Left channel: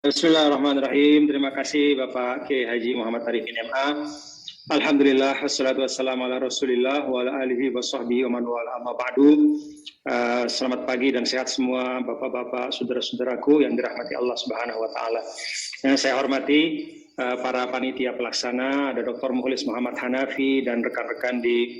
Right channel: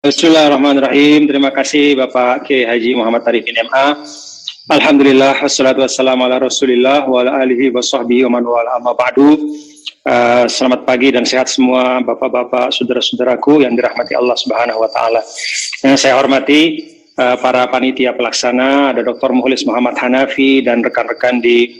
Bismillahirrahmanirrahim. Terima kasih Bapak Kiai Haji Muhammad Arifin MA. Alhamdulillah, wassalatu wassalamu ala Rasulillah wa ala alihi wa sahbihi wa man wala amma ba'du. Selamat pagi dan sehat semua Bapak-bapak, saudara-saudaraku yang dirahmati Allah Subhanahu wa taala. Yang saya hormati para panitia pelaksana, ada Dr. Mukhlis Muhammad Hanafi dan rekan-rekan di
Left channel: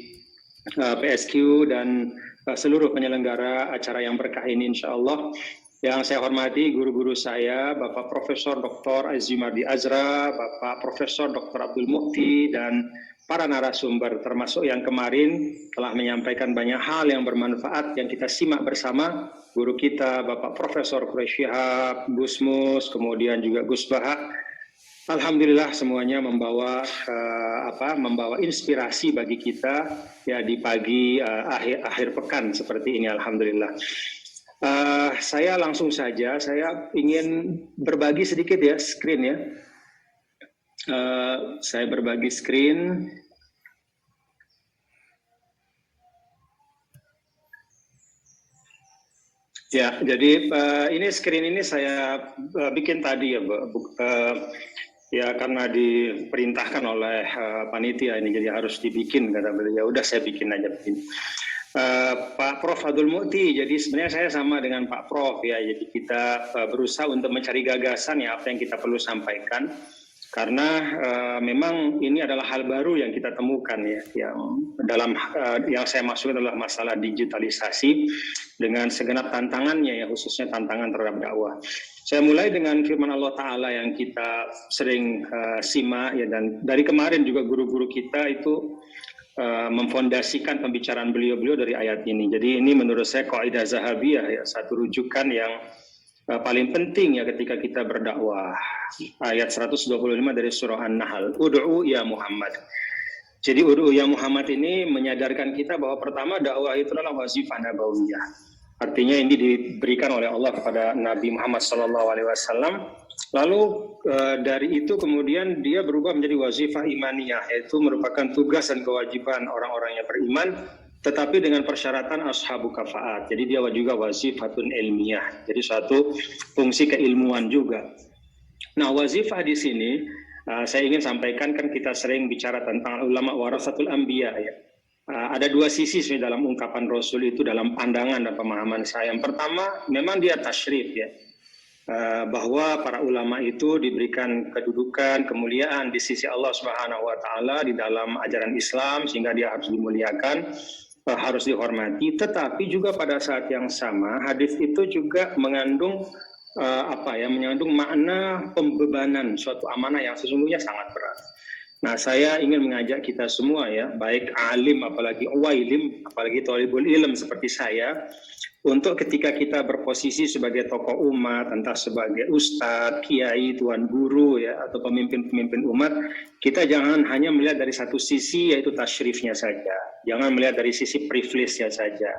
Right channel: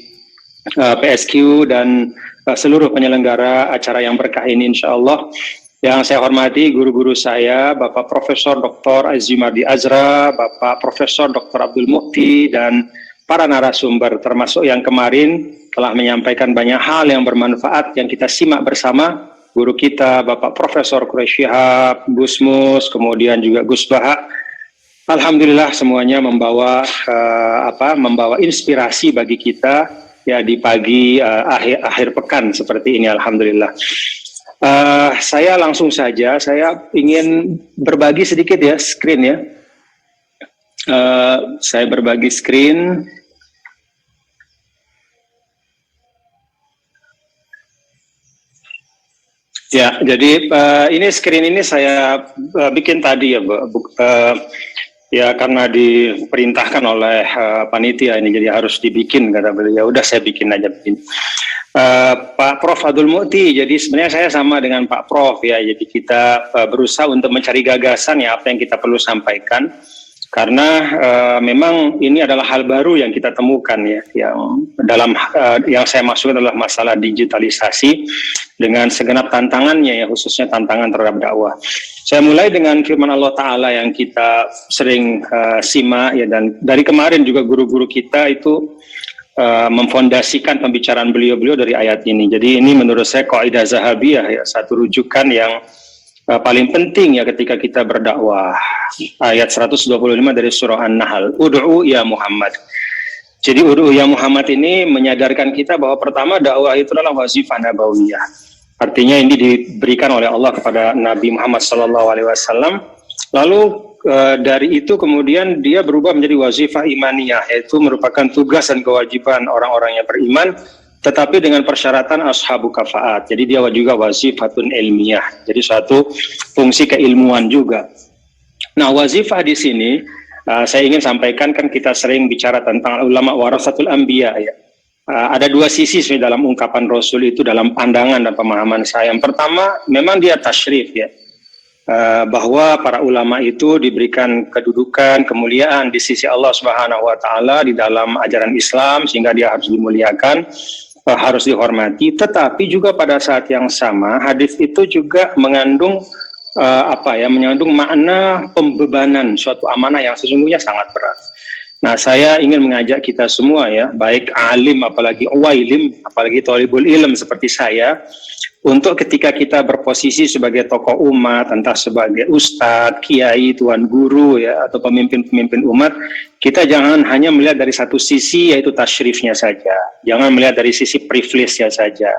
PSQ dan seluruh penyelenggara acara yang berkah ini insyaallah. Yang saya hormati guru-guru saya, Bapak Profesor Dr. Azimardi Azra, Bapak Profesor Dr. Abdul Mukti, dan para narasumber, termasuk yang kemarin telah menyampaikan banyak hal yang bermanfaat yang kita simak bersama. Guru kita, Bapak Profesor Quraish Shihab, Gus Mus, kemudian juga Gus Baha. Alhamdulillah semuanya membawa inspirasi bagi kita ya di pagi akhir pekan seperti ini. Alhamdulillah. Saya langsung saja, saya ingin berbagi sedikit ya screen ya. Saya berbagi screen. Ya, jadi ini screen ini saya bikin tadi ya, ya karena diperintahkan oleh panitia ini, jadi harus dibikin kata beliau. Ya udah saya bikin aja begini. Pak Prof. Abdul Mukti, jadi sebenarnya saya sama dengan Pak Prof ya, jadi kita berusaha untuk mencari gagasan ya apa yang kita perlu sampaikan, karena memang ini adalah hal baru yang kita temukan ya, yang saya maksud adalah masalah digitalisasi dengan segenap tantangannya ya, khususnya tantangan terhadap dakwah. Saya mulai dengan firman Allah Ta'ala yang kita sering simak ya, dan dari kemarin juga guru-guru kita itu memfondasikan pembicaraan beliau-beliau dari ayat ini. Jadi ini menurut saya kaidah zahabiyah ya, satu rujukan yang paling penting ya ketika kita berdakwah. Ayat 125 dari surah An-Nahl, Ud'u ya Muhammad. Jadi Ud'u ya Muhammad ini menyadarkan kita bahwa pertama dakwah itu adalah wazifah nabawiyah. Artinya ini diberikan oleh Allah kepada Nabi Muhammad SAW. Lalu dari itu kemudian dia berubah menjadi wazifah imaniyah, yaitu merupakan tugas dan kewajiban orang-orang yang beriman, tetapi dengan persyaratan ashabu kafaat. Jadi dia juga wazifatun ilmiah, jadi suatu fungsi keilmuan juga. Nah, wazifah di sini saya ingin sampaikan, kan kita sering bicara tentang ulama warasatul anbiya ya. Ada dua sisi dalam ungkapan Rasul itu dalam pandangan dan pemahaman saya. Yang pertama memang dia tasyrif ya, bahwa para ulama itu diberikan kedudukan, kemuliaan di sisi Allah Subhanahu wa taala di dalam ajaran Islam, sehingga dia harus dimuliakan, harus dihormati. Tetapi juga pada saat yang sama hadis itu juga mengandung mengandung makna pembebanan suatu amanah yang sesungguhnya sangat berat. Nah, saya ingin mengajak kita semua ya, baik alim apalagi wailim, apalagi thalibul ilm seperti saya, untuk ketika kita berposisi sebagai tokoh umat, entah sebagai ustadz, kiai, tuan guru ya, atau pemimpin-pemimpin umat, kita jangan hanya melihat dari satu sisi, yaitu tasyrifnya saja. Jangan melihat dari sisi privilege-nya saja.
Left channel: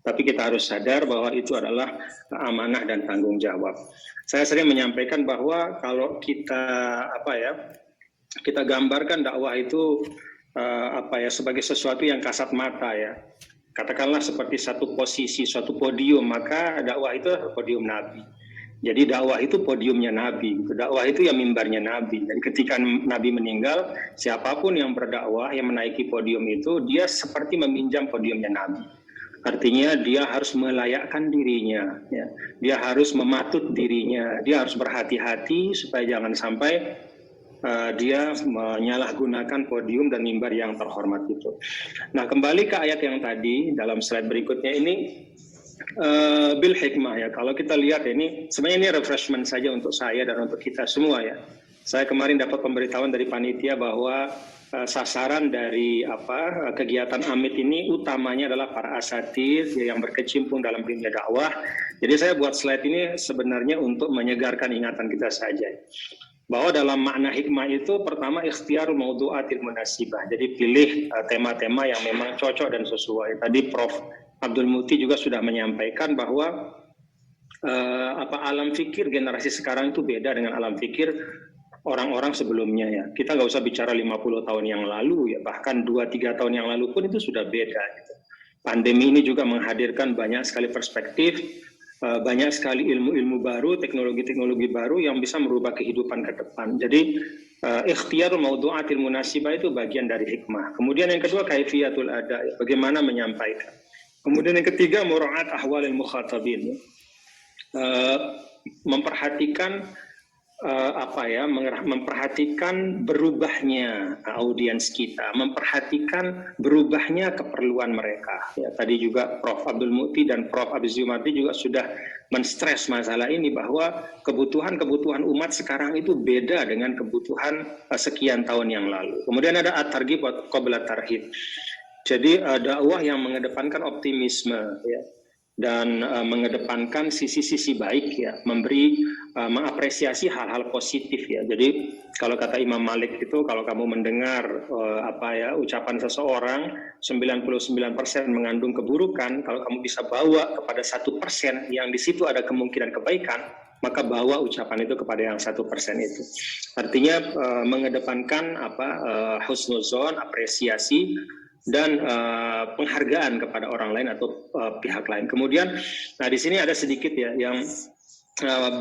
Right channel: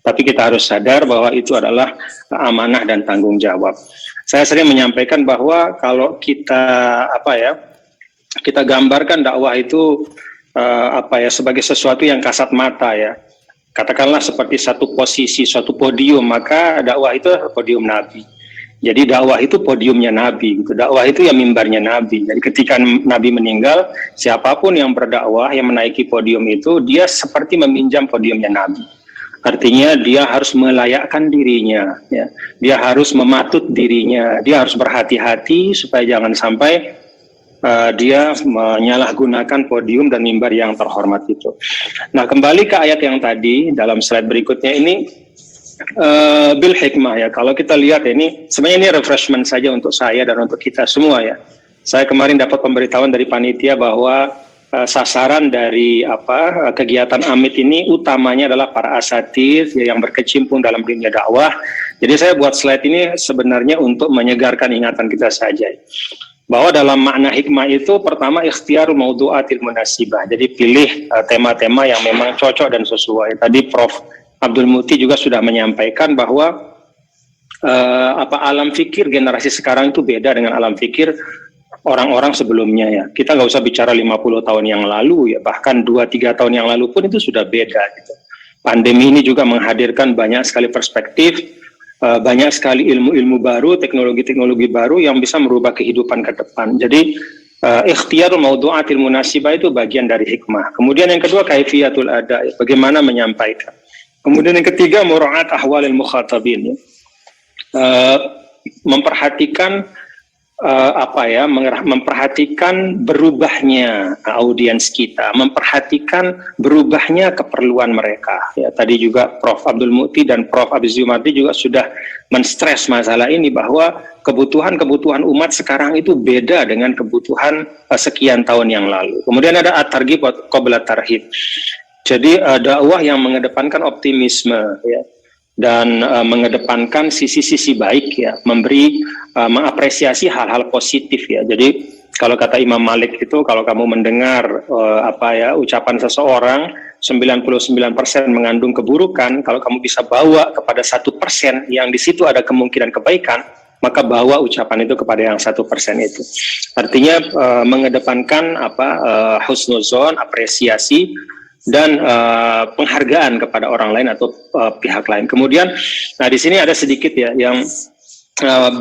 Tapi kita harus sadar bahwa itu adalah amanah dan tanggung jawab. Saya sering menyampaikan bahwa kalau kita kita gambarkan dakwah itu sebagai sesuatu yang kasat mata ya. Katakanlah seperti satu posisi, suatu podium, maka dakwah itu podium Nabi. Jadi dakwah itu podiumnya Nabi, gitu. Dakwah itu ya mimbarnya Nabi. Jadi ketika Nabi meninggal, siapapun yang berdakwah, yang menaiki podium itu, dia seperti meminjam podiumnya Nabi. Artinya dia harus melayakkan dirinya, ya. Dia harus mematut dirinya, dia harus berhati-hati supaya jangan sampai dia menyalahgunakan podium dan mimbar yang terhormat itu. Nah, kembali ke ayat yang tadi dalam slide berikutnya ini, bil hikmah ya. Kalau kita lihat ini, sebenarnya ini refreshment saja untuk saya dan untuk kita semua ya. Saya kemarin dapat pemberitahuan dari panitia bahwa sasaran dari kegiatan Amit ini utamanya adalah para asatidz yang berkecimpung dalam dunia dakwah. Jadi saya buat slide ini sebenarnya untuk menyegarkan ingatan kita saja. Bahwa dalam makna hikmah itu pertama ikhtiarul maudu'atil munasibah. Jadi pilih tema-tema yang memang cocok dan sesuai. Tadi Prof. Abdul Mukti juga sudah menyampaikan bahwa alam fikir generasi sekarang itu beda dengan alam fikir orang-orang sebelumnya ya. Kita nggak usah bicara 50 tahun yang lalu ya, bahkan 2-3 tahun yang lalu pun itu sudah beda gitu. Pandemi ini juga menghadirkan banyak sekali perspektif banyak sekali ilmu-ilmu baru, teknologi-teknologi baru yang bisa merubah kehidupan ke depan. Jadi ikhtiar maudu'atil munasibah itu bagian dari hikmah. Kemudian yang kedua kaifiyatul ada, bagaimana menyampaikan. Kemudian yang ketiga mura'at ahwalil mukhatabin, memperhatikan memperhatikan berubahnya audiens kita, memperhatikan berubahnya keperluan mereka. Ya, tadi juga Prof. Abdul Muti dan Prof. Abdul Zumardi juga sudah menstres masalah ini, bahwa kebutuhan umat sekarang itu beda dengan kebutuhan sekian tahun yang lalu. Kemudian ada at-targhib qabla tarhib. Jadi dakwah yang mengedepankan optimisme, ya, dan mengedepankan sisi-sisi baik, ya, mengapresiasi hal-hal positif, ya. Jadi kalau kata Imam Malik itu, kalau kamu mendengar ucapan seseorang 99% mengandung keburukan, kalau kamu bisa bawa kepada 1% yang di situ ada kemungkinan kebaikan, maka bawa ucapan itu kepada yang 1% itu. Artinya mengedepankan husnuzon, apresiasi dan penghargaan kepada orang lain atau pihak lain. Kemudian, di sini ada sedikit, ya, yang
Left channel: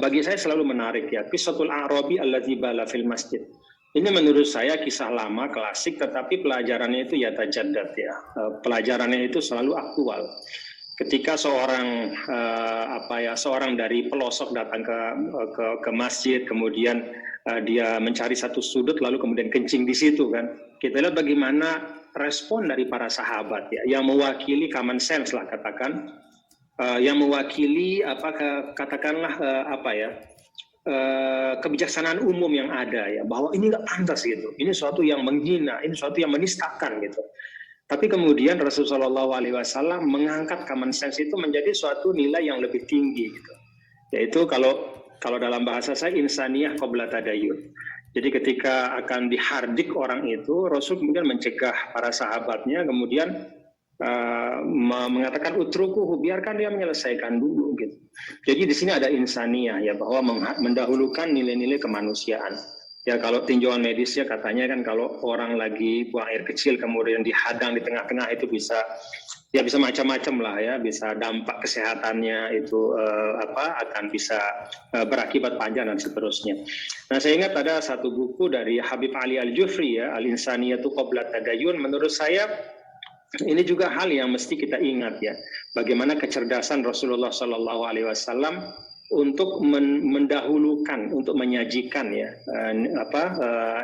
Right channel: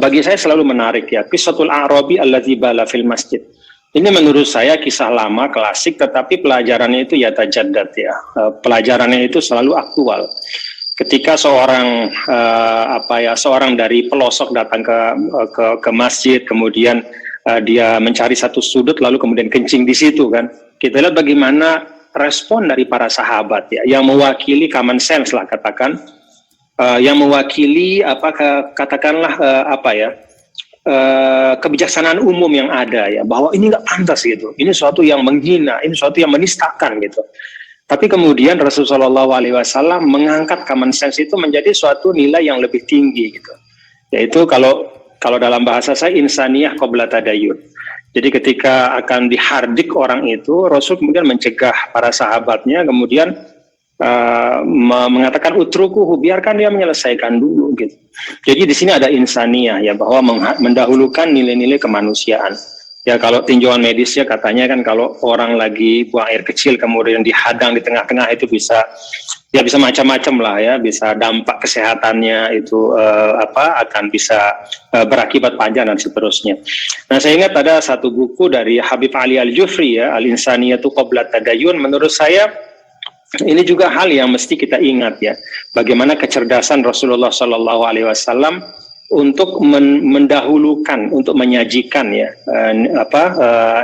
bagi saya selalu menarik, ya, Qissatul A'rabi allazi bala fil masjid. Ini menurut saya kisah lama, klasik, tetapi pelajarannya itu yatajaddad, ya. Pelajarannya itu selalu aktual. Ketika seorang dari pelosok datang ke masjid, kemudian dia mencari satu sudut lalu kemudian kencing di situ, kan. Kita lihat bagaimana respon dari para sahabat, ya, yang mewakili common sense lah, katakan, yang mewakili kebijaksanaan umum yang ada, ya, bahwa ini nggak pantas gitu, ini suatu yang menghina, ini suatu yang menistakan gitu. Tapi kemudian Rasulullah SAW mengangkat common sense itu menjadi suatu nilai yang lebih tinggi gitu, yaitu kalau dalam bahasa saya insaniyah qabla tadayun. Jadi ketika akan dihardik orang itu, Rasul kemudian mencegah para sahabatnya, kemudian mengatakan utrukuhu, biarkan dia menyelesaikan dulu gitu. Jadi di sini ada insaniyah, ya, bahwa mendahulukan nilai-nilai kemanusiaan. Ya, kalau tinjauan medisnya katanya kan kalau orang lagi buang air kecil kemudian dihadang di tengah-tengah itu bisa macam-macam lah, ya, bisa dampak kesehatannya itu akan bisa berakibat panjang dan seterusnya. Nah, saya ingat ada satu buku dari Habib Ali Al-Jufri, ya, Al-Insaniyatu Qabla Tadayun. Menurut saya ini juga hal yang mesti kita ingat, ya, bagaimana kecerdasan Rasulullah SAW untuk mendahulukan, untuk menyajikan, ya,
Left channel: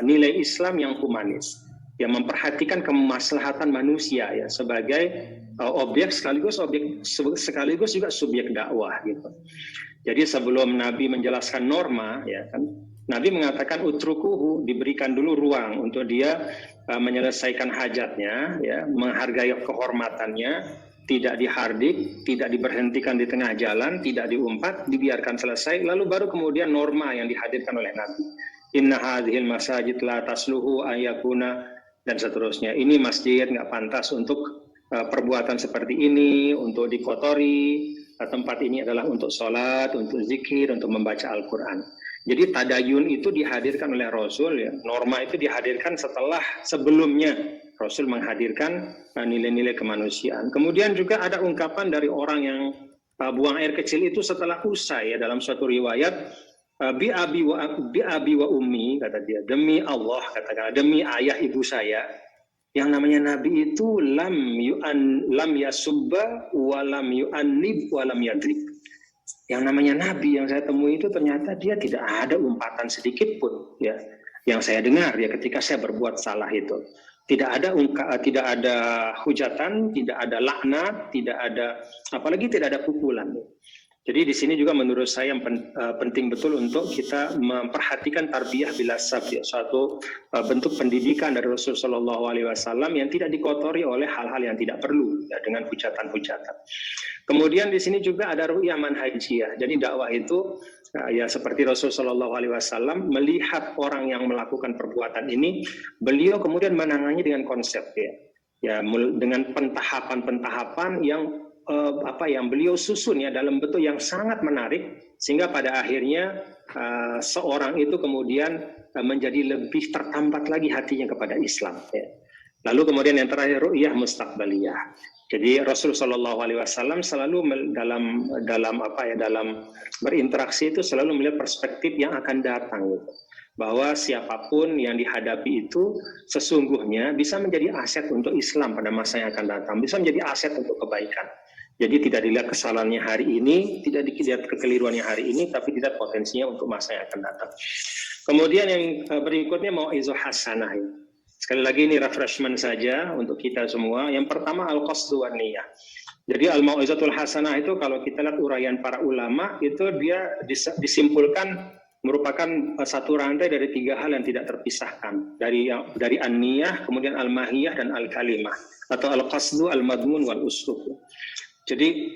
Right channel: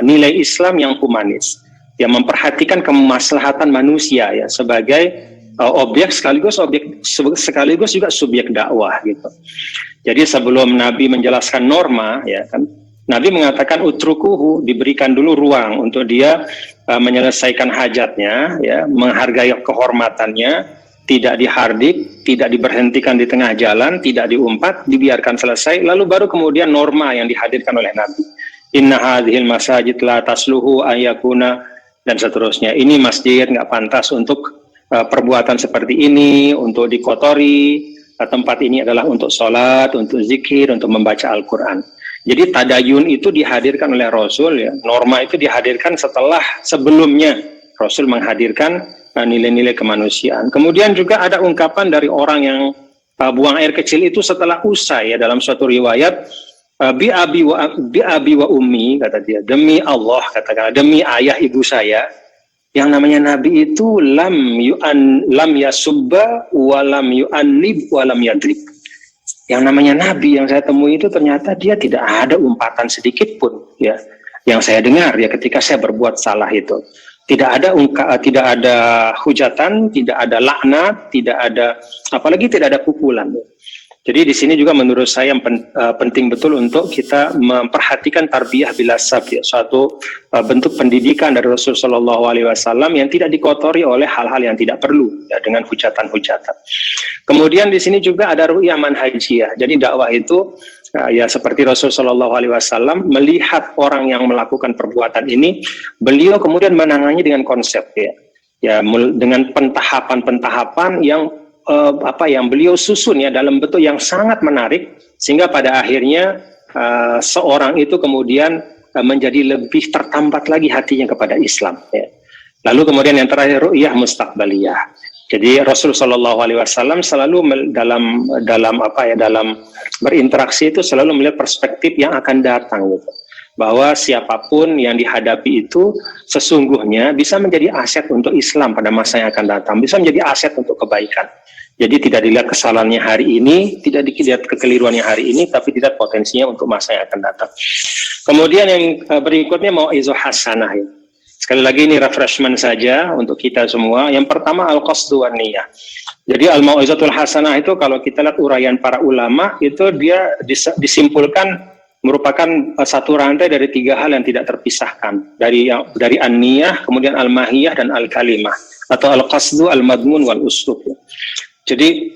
nilai Islam yang humanis, yang memperhatikan kemaslahatan manusia, ya, sebagai objek sekaligus juga subjek dakwah gitu. Jadi sebelum Nabi menjelaskan norma, ya kan, Nabi mengatakan utrukuhu, diberikan dulu ruang untuk dia menyelesaikan hajatnya, ya, menghargai kehormatannya, tidak dihardik, tidak diberhentikan di tengah jalan, tidak diumpat, dibiarkan selesai, lalu baru kemudian norma yang dihadirkan oleh Nabi. Inna hadhil masajid la tasluhu ayakuna, dan seterusnya. Ini masjid nggak pantas untuk perbuatan seperti ini, untuk dikotori. Tempat ini adalah untuk sholat, untuk zikir, untuk membaca Al-Quran. Jadi tadayun itu dihadirkan oleh Rasul, ya. Norma itu dihadirkan sebelumnya Rasul menghadirkan nilai-nilai kemanusiaan. Kemudian juga ada ungkapan dari orang yang buang air kecil itu setelah usai, ya, dalam suatu riwayat, bi abi wa ummi, kata dia, demi Allah, katakan, demi ayah ibu saya. Yang namanya Nabi itu lam yasubba wa lam yu'annib wa lam yadrib. Yang namanya Nabi yang saya temui itu ternyata dia tidak ada umpatan sedikit pun, ya, yang saya dengar, ya, ketika saya berbuat salah itu. Tidak ada hujatan, tidak ada laknat, apalagi tidak ada pukulan. Jadi di sini juga menurut saya yang penting betul untuk kita memperhatikan tarbiyah bila sab, ya, suatu bentuk pendidikan dari Rasulullah SAW yang tidak dikotori oleh hal-hal yang tidak perlu, ya, dengan hujatan-hujatan. Kemudian di sini juga ada ru'yah manhajiyah. Jadi dakwah itu ya seperti Rasulullah SAW melihat orang yang melakukan perbuatan ini, beliau kemudian menangani dengan konsep, ya dengan pentahapan-pentahapan yang yang beliau susun, ya, dalam bentuk yang sangat menarik, sehingga pada akhirnya seorang itu kemudian menjadi lebih tertambat lagi hatinya kepada Islam, ya. Lalu kemudian yang terakhir ru'yah mustaqbaliyah. Jadi Rasul Shallallahu Alaihi Wasallam selalu dalam berinteraksi itu selalu melihat perspektif yang akan datang, gitu. Bahwa siapapun yang dihadapi itu sesungguhnya bisa menjadi aset untuk Islam pada masa yang akan datang, bisa menjadi aset untuk kebaikan. Jadi tidak dilihat kesalahannya hari ini, tidak dilihat kekeliruannya hari ini, tapi dilihat potensinya untuk masa yang akan datang. Kemudian yang berikutnya mau'izah hasanah. Ya. Sekali lagi ini refreshment saja untuk kita semua. Yang pertama al-qasdu wan niyah. Jadi al-mau'izatul hasanah itu kalau kita lihat uraian para ulama itu dia disimpulkan merupakan satu rantai dari 3 hal yang tidak terpisahkan. Dari an-niyah, kemudian al-mahiyah dan al-kalimah, atau al-qasdu, al-madmun wal uslub. Jadi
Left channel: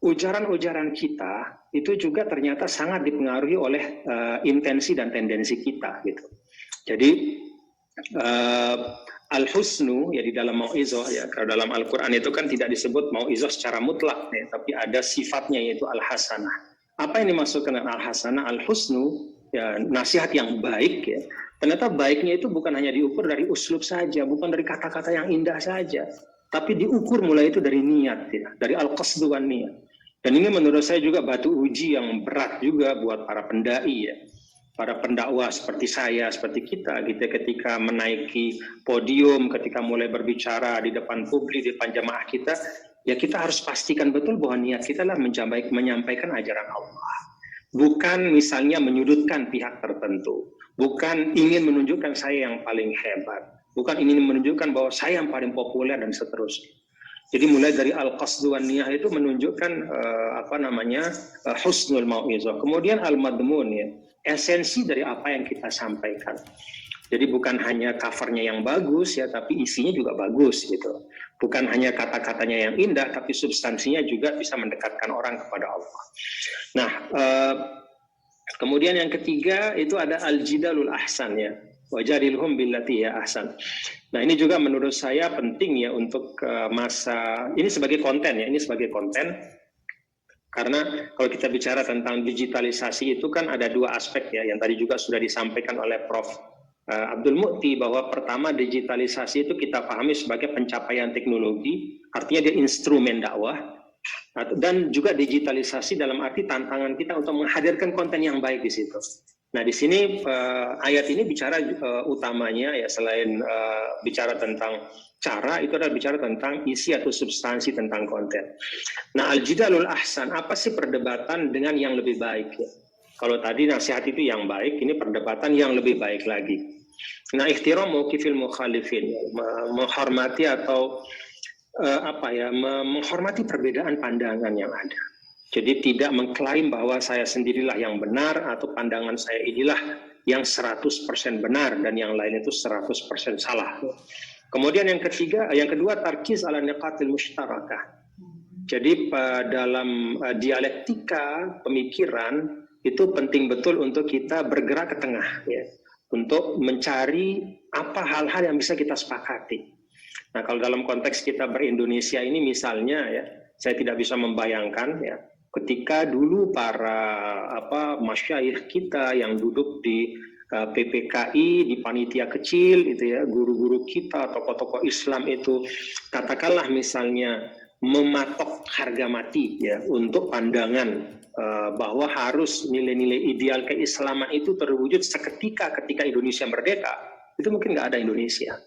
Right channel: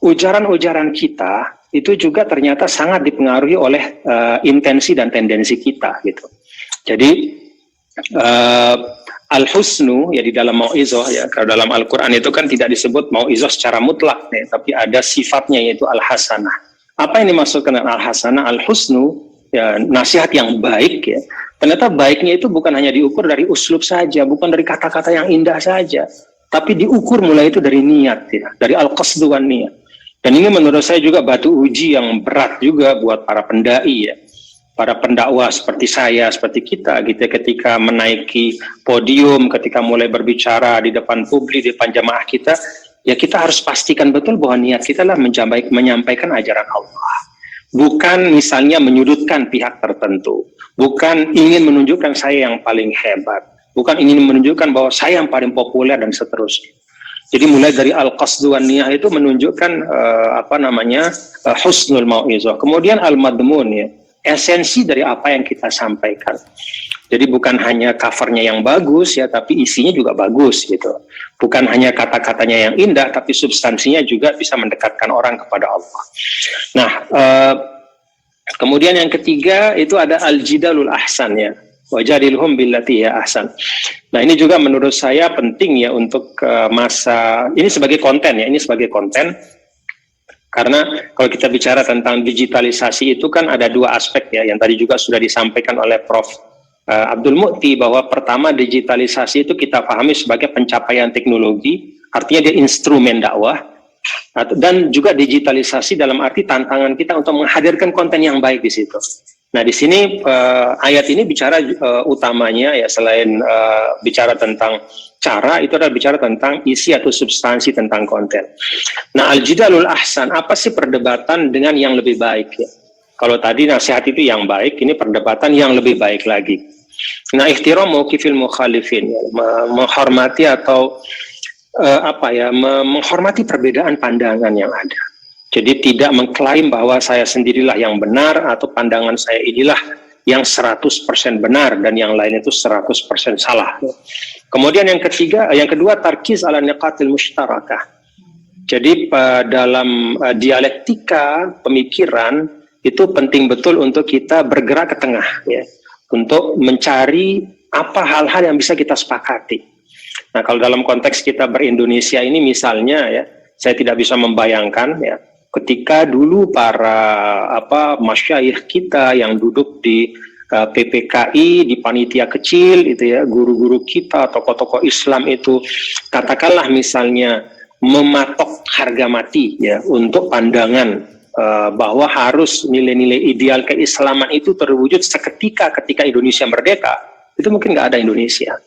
ujaran-ujaran kita itu juga ternyata sangat dipengaruhi oleh intensi dan tendensi kita, gitu. Jadi al-husnu ya di dalam mau'izah ya, kalau dalam Al-Qur'an itu kan tidak disebut mau'izah secara mutlak ya, tapi ada sifatnya yaitu al-hasanah. Apa yang dimaksudkan dengan al-hasanah? Al-husnu ya nasihat yang baik ya. Ternyata baiknya itu bukan hanya diukur dari uslub saja, bukan dari kata-kata yang indah saja, tapi diukur mulai itu dari niat ya, dari al-qasdu wan niyah. Dan ini menurut saya juga batu uji yang berat juga buat para pendai ya. Para pendakwah seperti saya, seperti kita gitu, ketika menaiki podium, ketika mulai berbicara di depan publik, di depan jamaah kita, ya kita harus pastikan betul bahwa niat kita lah menyampaikan ajaran Allah. Bukan misalnya menyudutkan pihak tertentu, bukan ingin menunjukkan saya yang paling hebat, bukan ingin menunjukkan bahwa saya yang paling populer dan seterusnya. Jadi mulai dari al-qasdu wan niyah itu menunjukkan husnul mau'izah. Kemudian al-madmun ya, esensi dari apa yang kita sampaikan. Jadi bukan hanya covernya yang bagus ya, tapi isinya juga bagus gitu. Bukan hanya kata-katanya yang indah, tapi substansinya juga bisa mendekatkan orang kepada Allah. Nah, kemudian yang ketiga itu ada al-jidalul ahsan ya. Wajadilhum billati ya ahsan. Nah, ini juga menurut saya penting ya untuk masa ini sebagai konten ya, ini sebagai konten. Karena kalau kita bicara tentang digitalisasi itu kan ada 2 aspek ya, yang tadi juga sudah disampaikan oleh Prof. Abdul Mu'ti, bahwa pertama digitalisasi itu kita pahami sebagai pencapaian teknologi, artinya dia instrumen dakwah, dan juga digitalisasi dalam arti tantangan kita untuk menghadirkan konten yang baik di situ. Nah di sini ayat ini bicara utamanya ya, selain bicara tentang cara, itu adalah bicara tentang isi atau substansi tentang konten. Nah al-jidalul ahsan, apa sih perdebatan dengan yang lebih baik ya? Kalau tadi nasihat itu yang baik, ini perdebatan yang lebih baik lagi. Nah ihtiram mauqifil mukhalifin, ya, menghormati atau menghormati perbedaan pandangan yang ada. Jadi tidak mengklaim bahwa saya sendirilah yang benar atau pandangan saya inilah yang 100% benar dan yang lain itu 100% salah. Kemudian yang kedua tarkiz ala niqatil mushtarakah. Jadi dalam dialektika pemikiran itu penting betul untuk kita bergerak ke tengah ya, untuk mencari apa hal-hal yang bisa kita sepakati. Nah, kalau dalam konteks kita ber-Indonesia ini misalnya ya, saya tidak bisa membayangkan ya, ketika dulu para masyayikh kita yang duduk di PPKI, di panitia kecil itu ya, guru-guru kita, tokoh-tokoh Islam itu katakanlah misalnya mematok harga mati ya untuk pandangan bahwa harus nilai-nilai ideal keislaman itu terwujud seketika ketika Indonesia merdeka, itu mungkin nggak ada Indonesia.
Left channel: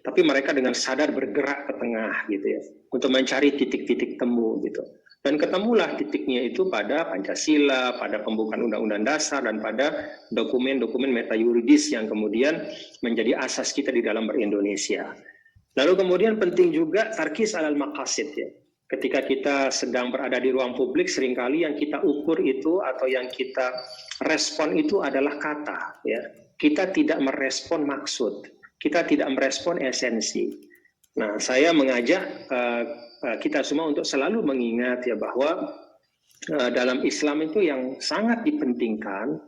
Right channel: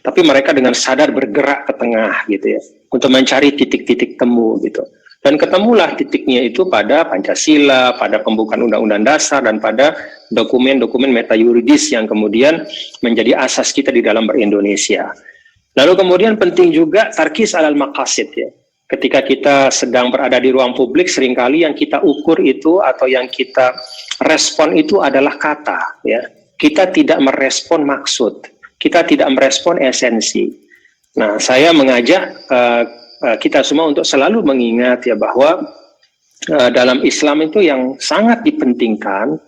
Tapi mereka dengan sadar bergerak ke tengah gitu ya, untuk mencari titik-titik temu gitu. Dan ketemulah titiknya itu pada Pancasila, pada pembukaan Undang-Undang Dasar, dan pada dokumen-dokumen metayuridis yang kemudian menjadi asas kita di dalam ber-Indonesia. Lalu kemudian penting juga tarkis alal maqasid ya. Ketika kita sedang berada di ruang publik, seringkali yang kita ukur itu atau yang kita respon itu adalah kata ya. Kita tidak merespon maksud, kita tidak merespon esensi. Nah, saya mengajak kita semua untuk selalu mengingat ya bahwa dalam Islam itu yang sangat dipentingkan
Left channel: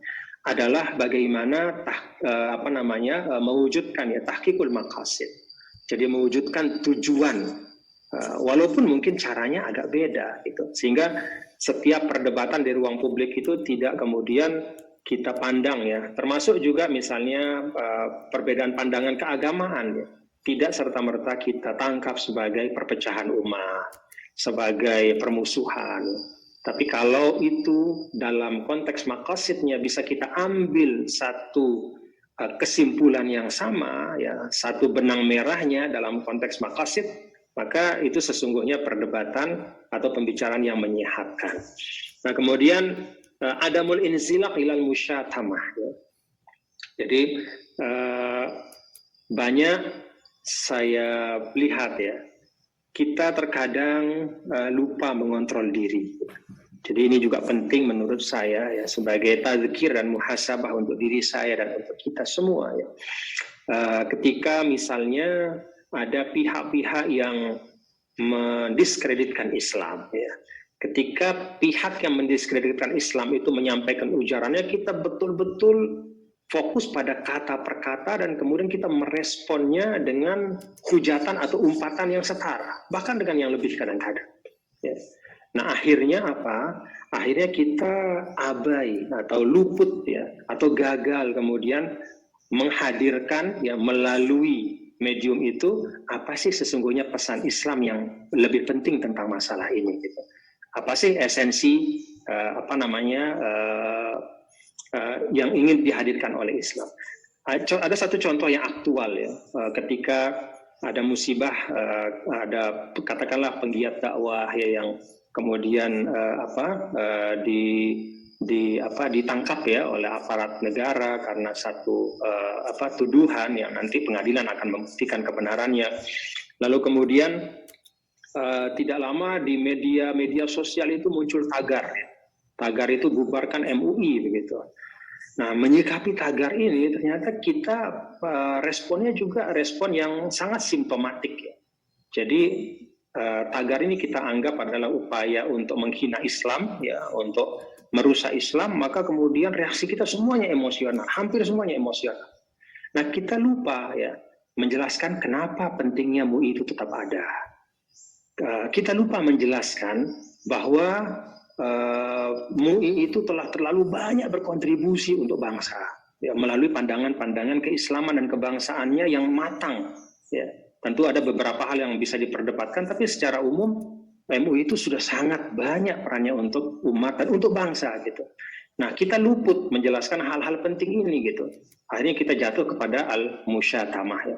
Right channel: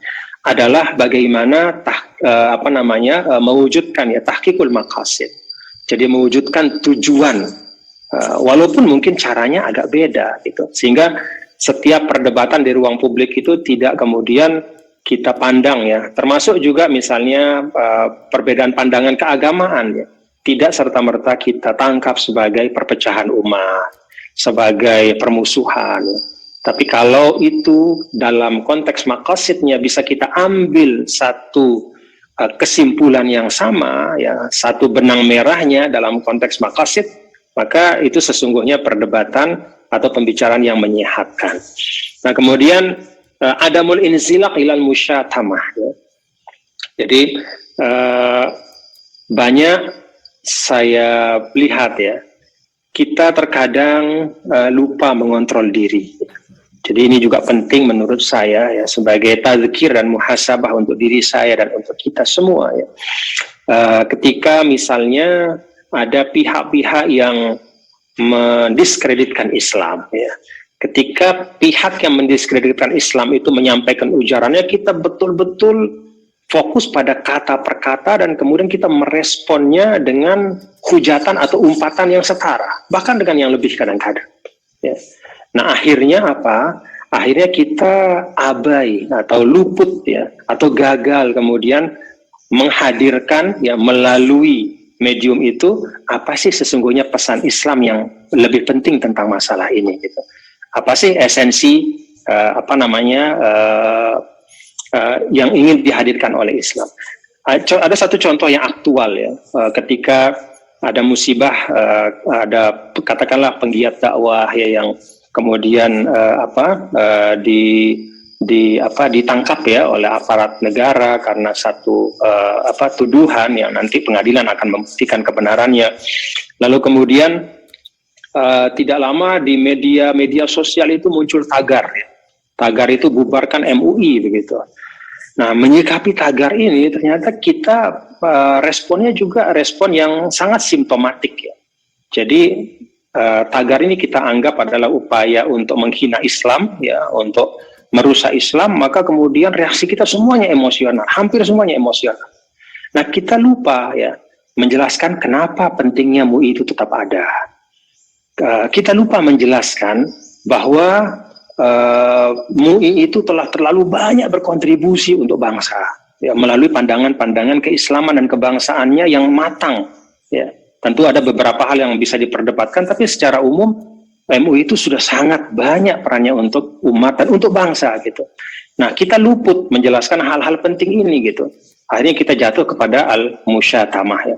adalah bagaimana mewujudkan ya tahqiqul maqasid. Jadi mewujudkan tujuan, walaupun mungkin caranya agak beda gitu. Sehingga setiap perdebatan di ruang publik itu tidak kemudian kita pandang ya, termasuk juga misalnya perbedaan pandangan keagamaan ya. tidak serta-merta kita tangkap sebagai perpecahan umat, sebagai permusuhan. Tapi kalau itu dalam konteks maqasidnya bisa kita ambil satu kesimpulan yang sama, ya, satu benang merahnya dalam konteks maqasid, maka itu sesungguhnya perdebatan atau pembicaraan yang menyehatkan. Nah, kemudian adamul inzilaq ilal musyatamah. Ya. Jadi banyak saya lihat ya, kita terkadang lupa mengontrol diri. Jadi ini juga penting menurut saya ya, sebagai tazkir dan muhasabah untuk diri saya dan untuk kita semua ya. Ketika misalnya ada pihak-pihak yang mendiskreditkan Islam ya. Ketika pihak yang mendiskreditkan Islam itu menyampaikan ujarannya, kita betul-betul fokus pada kata per kata dan kemudian kita meresponnya dengan hujatan atau umpatan yang setara, bahkan dengan yang lebih kadang-kadang. Ya. Nah, akhirnya apa? Akhirnya kita abai atau luput ya, atau gagal kemudian menghadirkan ya melalui medium itu apa sih sesungguhnya pesan Islam yang lebih penting tentang masalah ini gitu. Apa sih esensi yang ingin dihadirkan oleh Islam. Ada satu contoh yang aktual ya, ketika ada musibah, ada katakanlah penggiat dakwah ya yang kemudian ditangkap ya oleh aparat negara karena satu tuduhan yang nanti pengadilan akan membuktikan kebenarannya. Lalu kemudian tidak lama di media sosial itu muncul tagar ya. Tagar itu bubarkan MUI begitu. Nah, menyikapi tagar ini ternyata kita responnya juga respon yang sangat simptomatik ya. Jadi tagar ini kita anggap adalah upaya untuk menghina Islam ya, untuk merusak Islam, maka kemudian reaksi kita semuanya emosional, hampir semuanya emosional. Nah, kita lupa ya menjelaskan kenapa pentingnya MUI itu tetap ada. Kita lupa menjelaskan bahwa MUI itu telah terlalu banyak berkontribusi untuk bangsa ya, melalui pandangan-pandangan keislaman dan kebangsaannya yang matang ya. Tentu ada beberapa hal yang bisa diperdebatkan, tapi secara umum MUI itu sudah sangat banyak perannya untuk umat dan untuk bangsa gitu. Nah, kita luput menjelaskan hal-hal penting ini gitu. Akhirnya kita jatuh kepada al-musyatamah ya.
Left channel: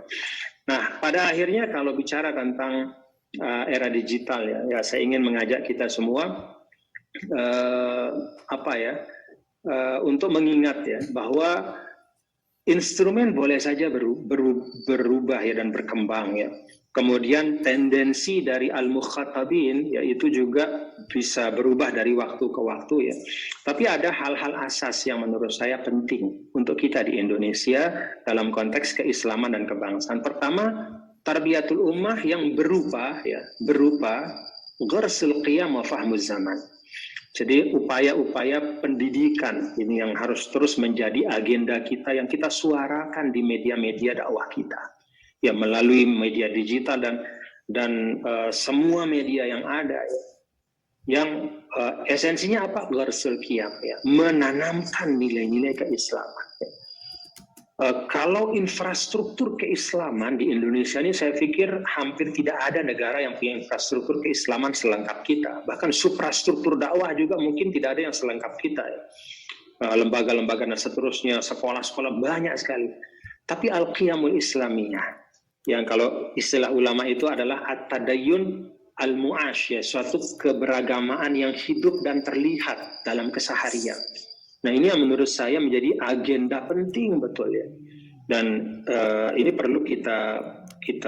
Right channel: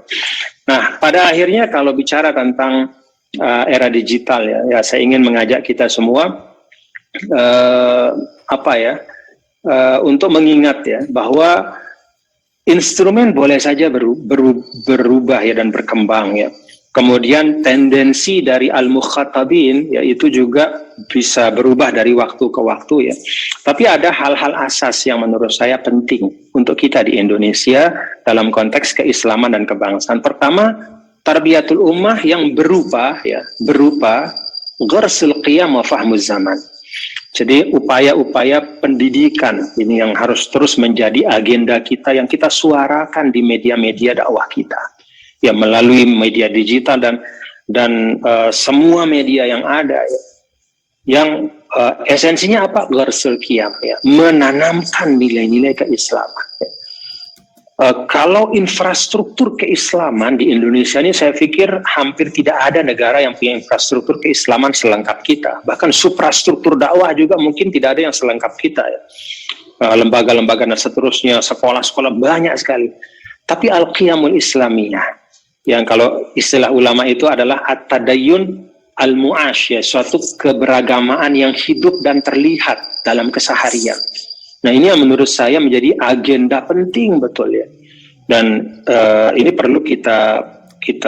Nah, pada akhirnya kalau bicara tentang era digital ya, saya ingin mengajak kita semua untuk mengingat ya bahwa instrumen boleh saja berubah ya dan berkembang ya. Kemudian tendensi dari al-mukhatabin ya itu juga bisa berubah dari waktu ke waktu ya. Tapi ada hal-hal asas yang menurut saya penting untuk kita di Indonesia dalam konteks keislaman dan kebangsaan. Pertama, tarbiyatul ummah yang berupa gharsul qiyam wa fahmuz zaman. Jadi upaya-upaya pendidikan ini yang harus terus menjadi agenda kita yang kita suarakan di media-media dakwah kita. Ya melalui media digital dan semua media yang ada ya. Yang esensinya apa? Gharsul qiyam ya, menanamkan nilai-nilai keislaman. Ya. Kalau infrastruktur keislaman di Indonesia ini saya pikir hampir tidak ada negara yang punya infrastruktur keislaman selengkap kita. Bahkan suprastruktur dakwah juga mungkin tidak ada yang selengkap kita ya. Lembaga-lembaga dan seterusnya, sekolah-sekolah banyak sekali. Tapi al-qiyamul islamiyah yang kalau istilah ulama itu adalah at-tadayyun al-mu'ash ya, suatu keberagamaan yang hidup dan terlihat dalam keseharian. Nah, ini yang menurut saya menjadi agenda penting betul ya. Dan ini perlu kita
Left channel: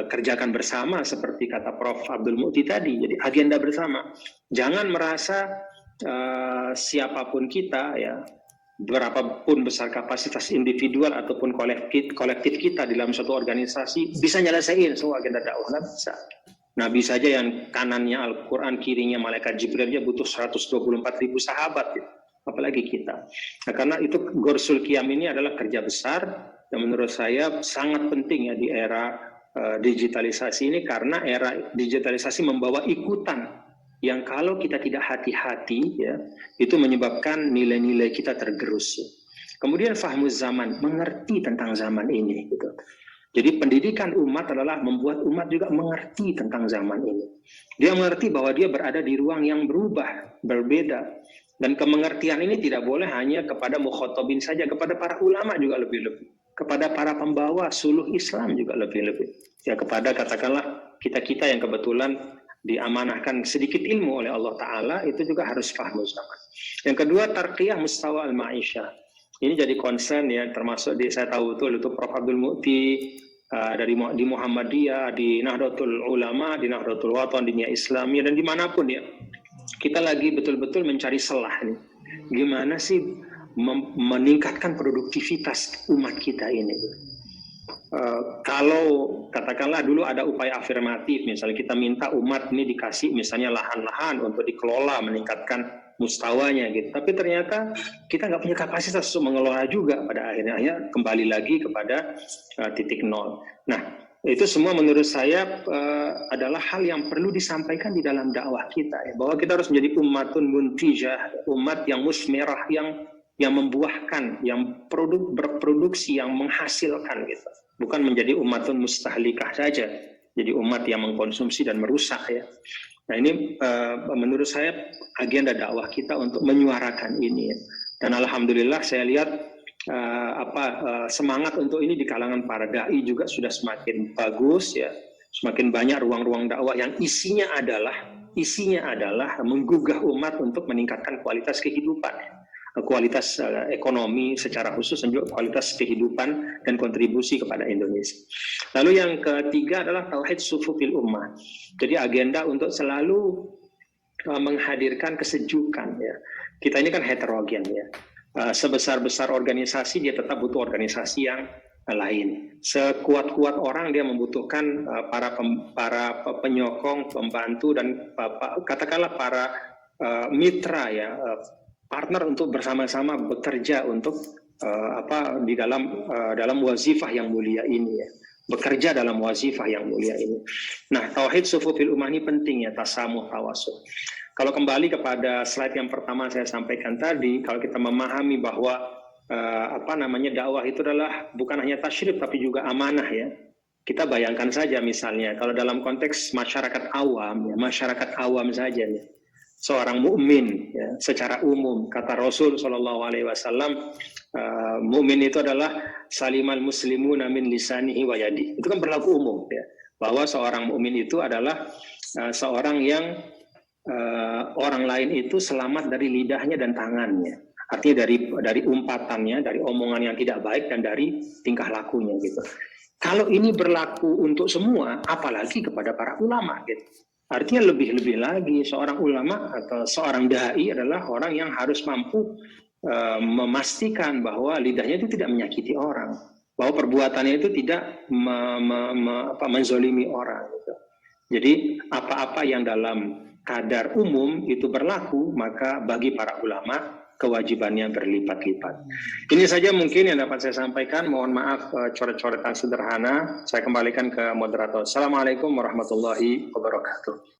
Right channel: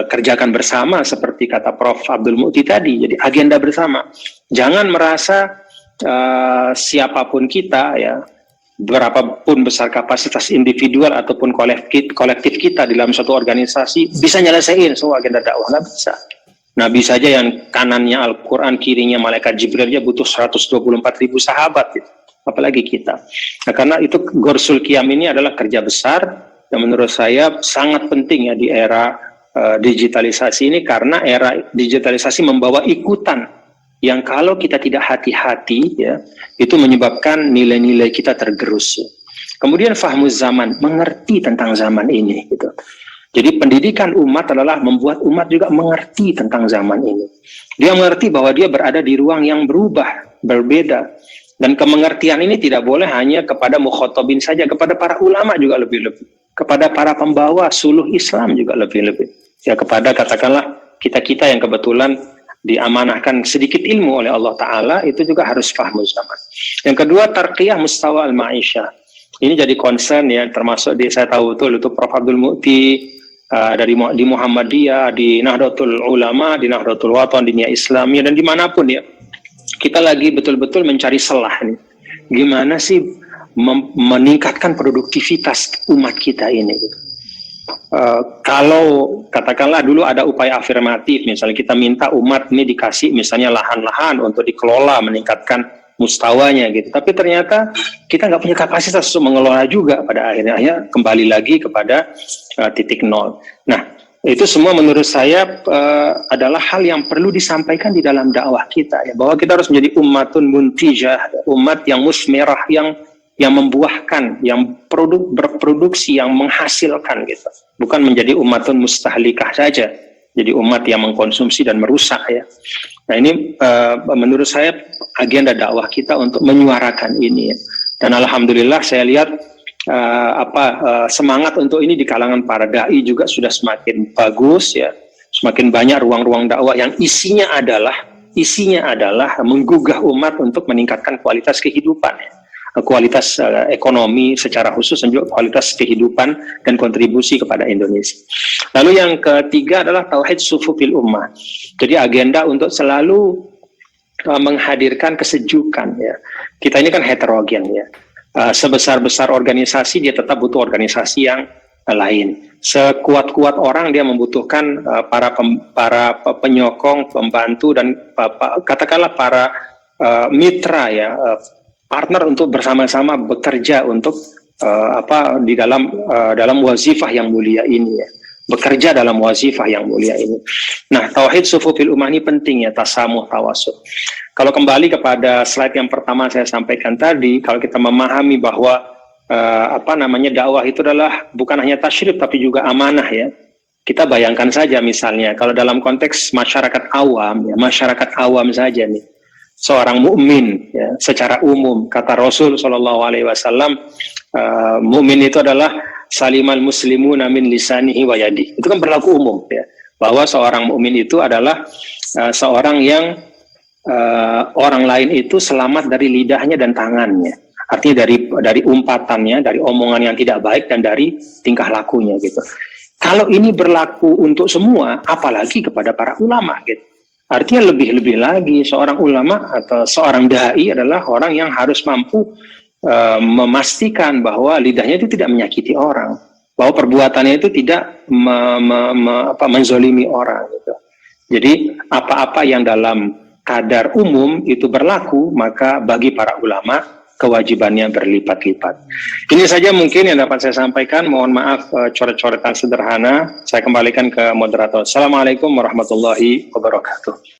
kerjakan bersama seperti kata Prof. Abdul Mu'ti tadi. Jadi agenda bersama. Jangan merasa siapapun kita ya, berapapun besar kapasitas individual ataupun kolektif kita di dalam suatu organisasi bisa nyelesain semua agenda dakwah, nggak bisa. Nah, bisa aja yang kanannya Al-Quran, kirinya malaikat Jibril aja butuh 124.000 sahabat gitu. Apalagi kita. Nah, karena itu Gharsul Qiyam ini adalah kerja besar yang menurut saya sangat penting ya di era digitalisasi ini, karena era digitalisasi membawa ikutan yang kalau kita tidak hati-hati ya itu menyebabkan nilai-nilai kita tergerus. Ya. Kemudian fahmuz zaman, mengerti tentang zaman ini gitu. Jadi pendidikan umat adalah membuat umat juga mengerti tentang zaman ini. Dia mengerti bahwa dia berada di ruang yang berubah, berbeda. Dan kemengertian ini tidak boleh hanya kepada mukhatabin saja, kepada para ulama juga lebih-lebih. Kepada para pembawa suluh Islam juga lebih-lebih. Ya, kepada katakanlah kita-kita yang kebetulan diamanahkan sedikit ilmu oleh Allah Ta'ala, itu juga harus paham zaman. Yang kedua, tarqiyah mustawa al-ma'isyah. Ini jadi concern ya, termasuk saya tahu betul itu Prof. Abdul Mu'ti di Muhammadiyah, di Nahdlatul Ulama, di Nahdlatul Watan, di Nia Islamiyah, dan dimanapun ya. Kita lagi betul-betul mencari celah nih. Gimana sih meningkatkan produktivitas umat kita ini? Kalau katakanlah dulu ada upaya afirmatif, misalnya kita minta umat ini dikasih misalnya lahan-lahan untuk dikelola, meningkatkan mustawanya gitu. Tapi ternyata kita nggak punya kapasitas untuk mengelola juga pada akhirnya. Ya, kembali lagi kepada titik nol. Nah, itu semua menurut saya adalah hal yang perlu disampaikan di dalam dakwah kita, ya, bahwa kita harus menjadi ummatun muntijah, umat yang musmirah, yang membuahkan, yang berproduksi, yang menghasilkan gitu. Bukan menjadi umatun mustahlikah saja, jadi umat yang mengkonsumsi dan merusak ya. Nah ini menurut saya agenda dakwah kita untuk menyuarakan ini ya. Dan alhamdulillah saya lihat semangat untuk ini di kalangan para dai juga sudah semakin bagus ya. Semakin banyak ruang-ruang dakwah yang isinya adalah menggugah umat untuk meningkatkan kualitas kehidupan ya. Kualitas ekonomi secara khusus dan juga kualitas kehidupan dan kontribusi kepada Indonesia. Lalu yang ketiga adalah tauhid sufufil ummah. Jadi agenda untuk selalu menghadirkan kesejukan ya. Kita ini kan heterogen ya. Sebesar-besar organisasi dia tetap butuh organisasi yang lain. Sekuat-kuat orang dia membutuhkan para penyokong, pembantu dan katakanlah para mitra ya. Partner untuk bersama-sama bekerja untuk di dalam wazifah yang mulia ini ya. Bekerja dalam wazifah yang mulia ini. Nah, tauhid sufufil ummah ini penting ya, tasamuh tawasud. Kalau kembali kepada slide yang pertama saya sampaikan tadi, kalau kita memahami bahwa dakwah itu adalah bukan hanya tasyrif tapi juga amanah ya. Kita bayangkan saja misalnya kalau dalam konteks masyarakat awam saja nih. Seorang mukmin ya, secara umum kata Rasul SAW, mukmin itu adalah salimal muslimuna min lisanihi wa yadihi. Itu kan berlaku umum ya, bahwa seorang mukmin itu adalah seorang yang orang lain itu selamat dari lidahnya dan tangannya. Artinya dari umpatannya, dari omongan yang tidak baik dan dari tingkah lakunya gitu. Kalau ini berlaku untuk semua, apalagi kepada para ulama gitu. Artinya lebih-lebih lagi seorang ulama atau seorang dai adalah orang yang harus mampu memastikan bahwa lidahnya itu tidak menyakiti orang, bahwa perbuatannya itu tidak menzolimi orang. Gitu. Jadi apa-apa yang dalam kadar umum itu berlaku, maka bagi para ulama kewajibannya berlipat-lipat. Ini saja mungkin yang dapat saya sampaikan. Mohon maaf coret-coretan sederhana. Saya kembalikan ke moderator. Assalamualaikum warahmatullahi wabarakatuh.